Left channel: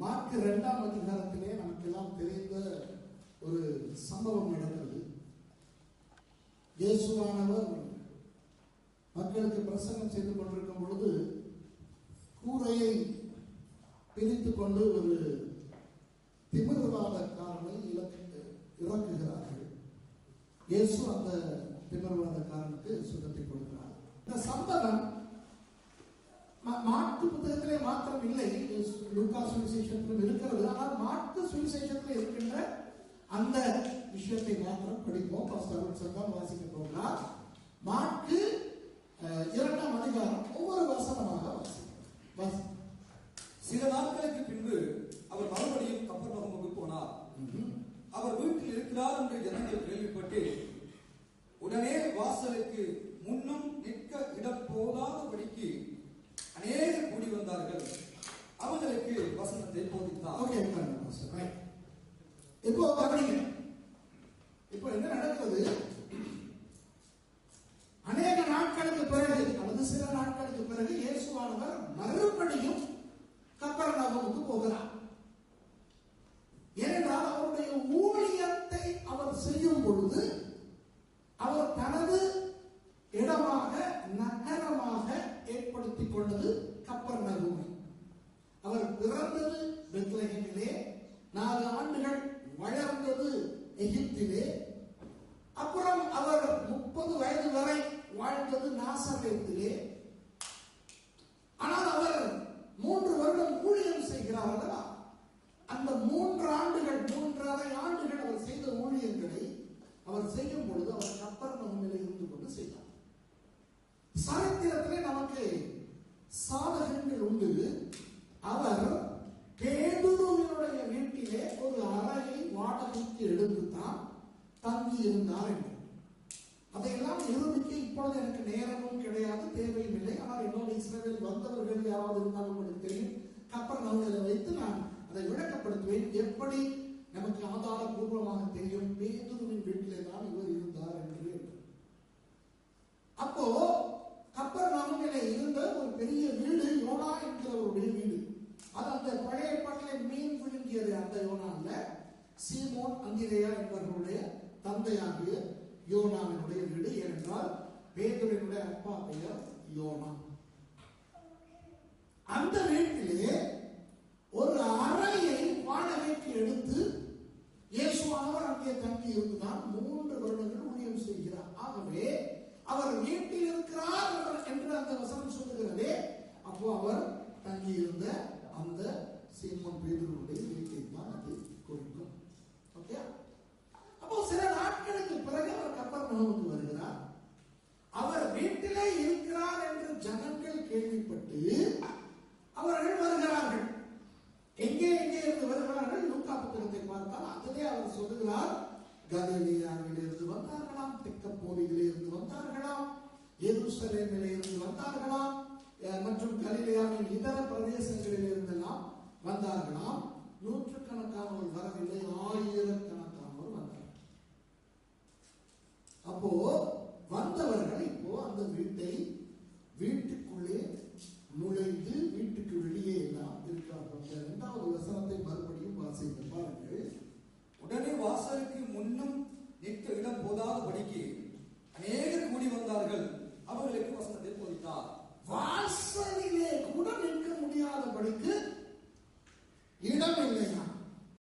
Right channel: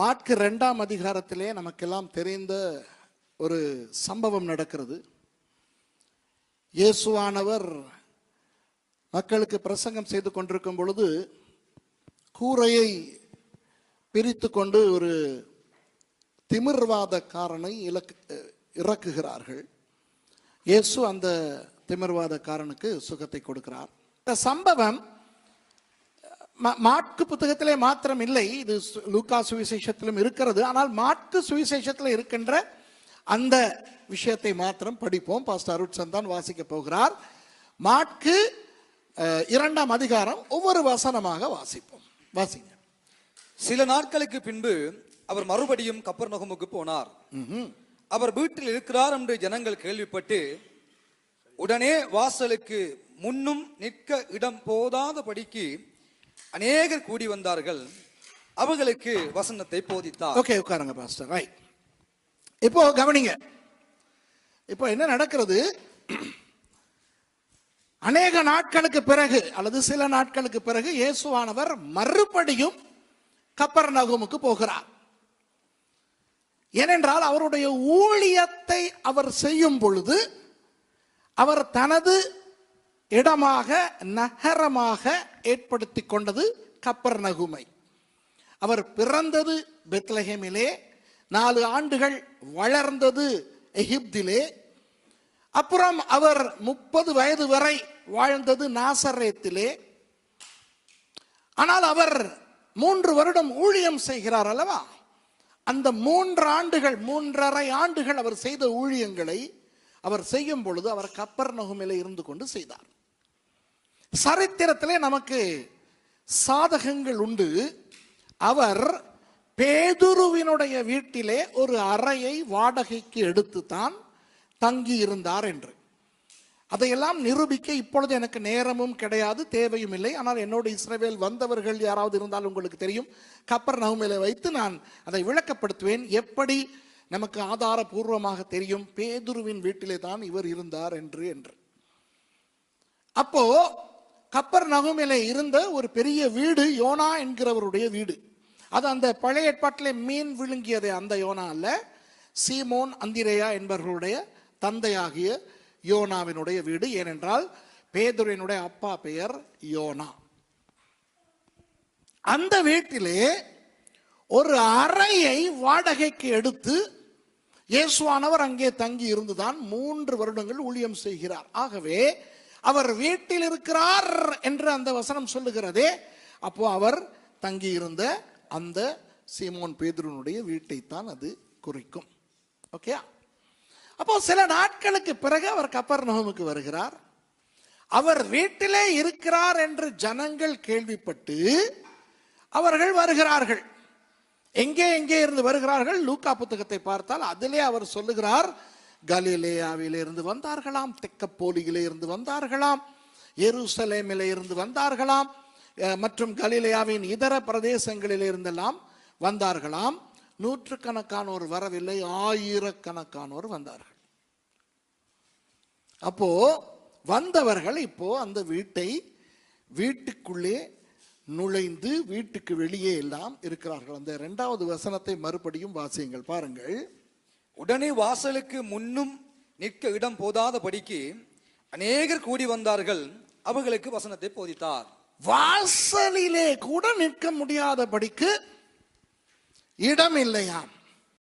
மாற்கு ரெண்டாம் அதிகாரத்திலே நமக்கெல்லாம் தெரிந்த ஒரு சம்பவம் நடக்கிறது. இயேசுவானவர் மக்களுக்கு பிரசங்கம் செய்து கொண்டிருக்கும் பொழுது கூரையை பிரித்து கொண்டு ஒரு திமிர்வாதக்காரனை இலக்கு இறக்குகிறார்கள். இயேசு அந்த திமிர்வாதக்காரனுக்கு சுகத்தை கொடுக்கிறார். இந்த சம்பவம் மாற்கு புத்தகத்திலே மாத்திரம் இல்லை இது லூக்கா சுவிசேஷத்திலும் இருக்கிறது. ஆனால் மாற்கு சுவிசேஷத்தில் இருக்கின்ற அந்த விஷயத்தை மாத்திரம் படிப்போம். பாஸ்டர் அருண் சந்தான் வாசிக்க போகிறார். மாற்கு இரண்டாம் அதிகாரம் ஒவ்வொரு வசனமாக வாசிப்போம். வாசிங்க. சில நாட்களுக்கு பின்பு அவர் மறுபடியும் கப்பர் நகமுக்கு போனார். அவர் வீட்டில் இருக்கிறார் என்று ஜனங்கள் கேள்விப்பட்டு உடனே வாசலுக்கு முன்னும் நிற்க இடம் போதாதபடிக்கு அநேகர் கூடி வந்தார்கள். அவர்களுக்கு வசனத்தை போதித்தார். ஓகே உட்காருங்க பாஸ்டர் ரைட் இப்போ கவனிங்க. இப்போ என்ன நடக்கிறது? அநேக நாட்களுக்கு பிறகு அல்லது சில நாட்களுக்கு பிறகு இயேசுவானவர் மறுபடியும் கப்பர் நகமுக்கு போகிறார். ஏனென்றால் அவருடைய ஊழியத்தை அவர் செய்யும் பொழுது அவர் தனது இடமாக நகரமாக ஏற்படுத்தி கொண்டது கப்பர் நகுமை. அவர் பிறந்தது பெத்லஹேமிலே நாலு ஆண்டுகள் வளர்ந்தது எகிப்திலே. அப்புறம் அவர் முப்பது வயது வரை வாழ்ந்தது நாசரேத்திலே. ஆனால் அவர் மூன்று வருடம் ஊழியம் செய்கிறார் அல்லவா? அந்த மூன்று ஆண்டுகள் மூன்றரை ஆண்டுகள் அவர் செய்த ஊழியங்களை அவர் செய்யும் பொழுது அவர் கப்பர் நகுமிலே இருந்து கொண்டு செய்தார். சரித்திரத்திலே நமக்கு சாதகங்கள் உண்டு. அவர் பேதுருவினுடைய வீட்டிலே ஒரு அறையை வாடகைக்கு எடுத்து தான் தங்கி இருந்தார் என்று. அதையெல்லாம் நிரூபிக்க இப்பொழுது எனக்கு நேரமும் கிடையாது தேவையும் இல்லை. ஆனால் என்னோட இஸ்ரேவேல் வந்தவர்கள் யாராவது இருந்தால் உங்களுக்கு தெரியும். கப்பர் நவுமையில வைத்து நான் அதை விளக்கப்படுத்துவேன். எப்படி? நமக்கு ஆதாரபூர்வமாக தெரியும் பேதுருவின் வீட்டிலே தான் இவர் இருந்தார் என்று என்று. அப்போ கப்பர் நகுமில இருந்த ஒரு பெரிய வீடு யோனா என்கிறவருடைய வீடு. அது அந்த பழைய ஏற்பாட்டிலே மீன் விழுங்கியது அந்த யோனா அல்ல சீமோன் அந்திரேயா என்பவர்களுடைய தந்தையாகிய யோனாவினுடைய வீடு. ஏனென்றால் பேதுருவினுடைய அப்பா பெயர் யோனா. அந்த வீட்டிலே ஒரு அறையை வாடகைக்கு எடுத்து இயேசுவானவர் அங்கே தங்கி இருந்துதான் மூன்று வருடங்கள் ஊழியம் செய்கிறார். ஆகவே அவர் வீட்டில் இருக்கிறார் என்று அந்த வசனம் சொல்லுகிறதே அப்போ அவர் தங்கி இருந்த அந்த சீமோன் பேதுருனுடைய வீட்டைத்தான் அது குறிக்கும். ஓகே? அப்போ சில நாட்களுக்கு பிறகு அவர் கப்பர் நோமுக்கு வருகிறார். அவர் வீட்டிலே இருக்கிறார் என்று ஜனங்கள் கேள்விப்பட்டு அவர்கள் வருகிறார்கள். எங்கே எங்கே இருந்து வருகிறார்கள்? லூக்கா புத்தகத்தை பார்த்தால் அதிலே அவர் சொல்லுகிறார் கலிலேயாவிலே இருந்து வந்தார்களாம் தெக்கப்போலியிலே இருந்து வந்தார்களாம் எருசலேமிலே இருந்து வந்தார்களாம் மற்றும் கலிலேயாவின் இதர பிரதேசங்களில் இருந்தெல்லாம் வந்தார்களாம். நூற்றுக்கணக்கானோர் வரவில்லை ஆயிரக்கணக்கானோர் வந்தார்கள். அப்போ வந்தவர்கள் இப்போ அந்த வீட்டை வீட்டுக்குள்ளே நுழைந்து வீட்டுக்கு வெளியே எல்லாம் இருக்கிறார்கள். அந்த இரண்டாவது வசனத்தை மறுபடியும் வாசியுங்கள் பாருங்கள். உடனே வாசலுக்கு முன்னும் நிற்க இடம் போதாதபடிக்கு அநேகர் கூடி வந்தார்கள். அவர்களுக்கு வசனத்தை போதித்தார். வாசலிலே கூட நிற்க முடியாதபடிக்கு இடம் இல்லையாம்